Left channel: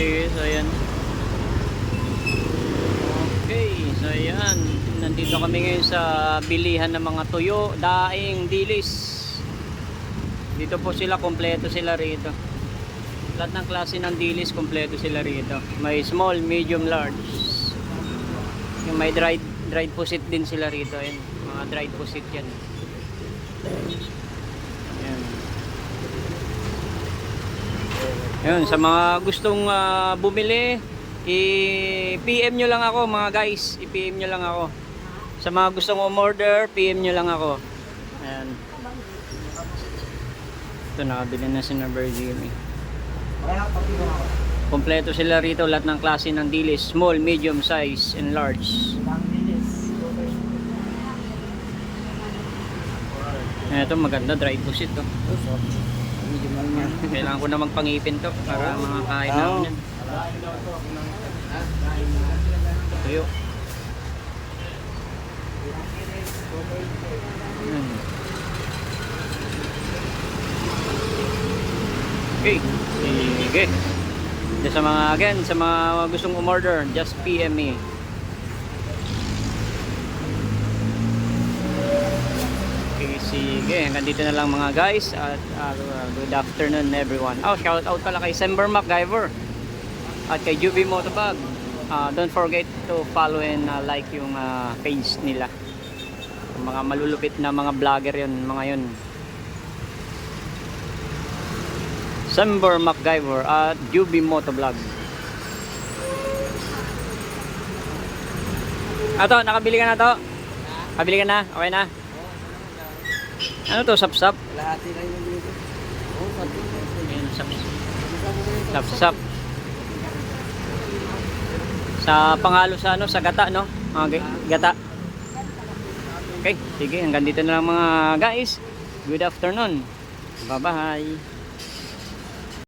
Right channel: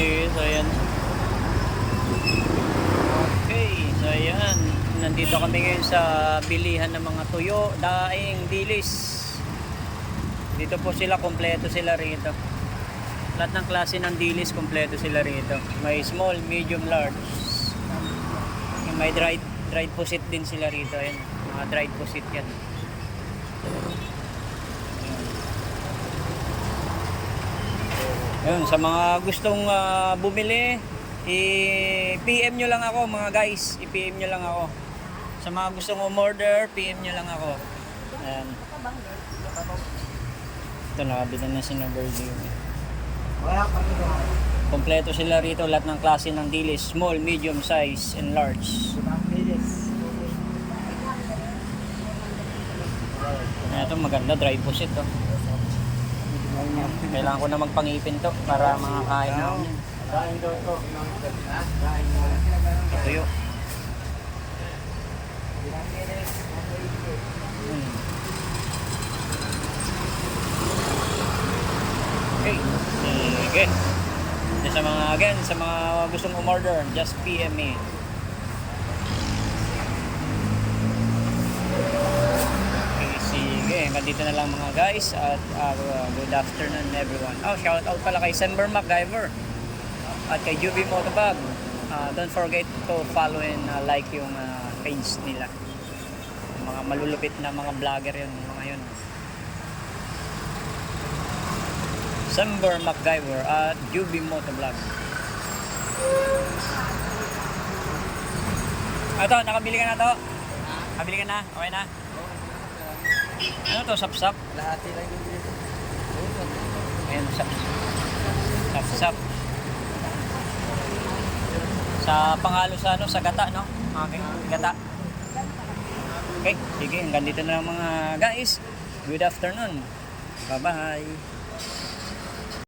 Okay, so ayan. Okay, so ayan. Nandito kami ngayon sa bilihan ng mga tuyo, daing, dilis. Dito po sila, kompleto sila rito. Lahat ng klase ng dilis, kompleto sila rito. May small, medium, large. Yung may dried pusit din sila rito. Ayan, mga dried pusit yan. Ayan, sa mga gustong bumili, i-PM nyo lang ako mga guys. I-PM nyo lang ako. Sa mga gustong umorder, PM nyo lang ako. Ayan. Ito, nakabili na si Virgin. Kompleto sila rito, lahat ng klase ng dilis. Small, medium size, and large. Ito, maganda, dry pusit to. Kailangan ko na magpangipin to para makakain na ako yan. Tuyo. Okay. Sige. Sa mga gustong umorder, just PM me. Sige, hanggang dito na lang mga guys at good afternoon everyone. Shout out pala kay Sember MacGyver at kay Juby Motovlog. Don't forget to follow and like yung page nila. Mga malulupit na mga vlogger yun, mga yun. Sember MacGyver at Juby Motovlog. Nakabili ka na to? Nakabili ka na? Okay na? Ano to, sapsap? Ayan, sapsap. Sa panghalo sa sa gata, no? Okay, gata. Okay, sige, hanggang dito na lang mga guys. Good afternoon. Bye-bye.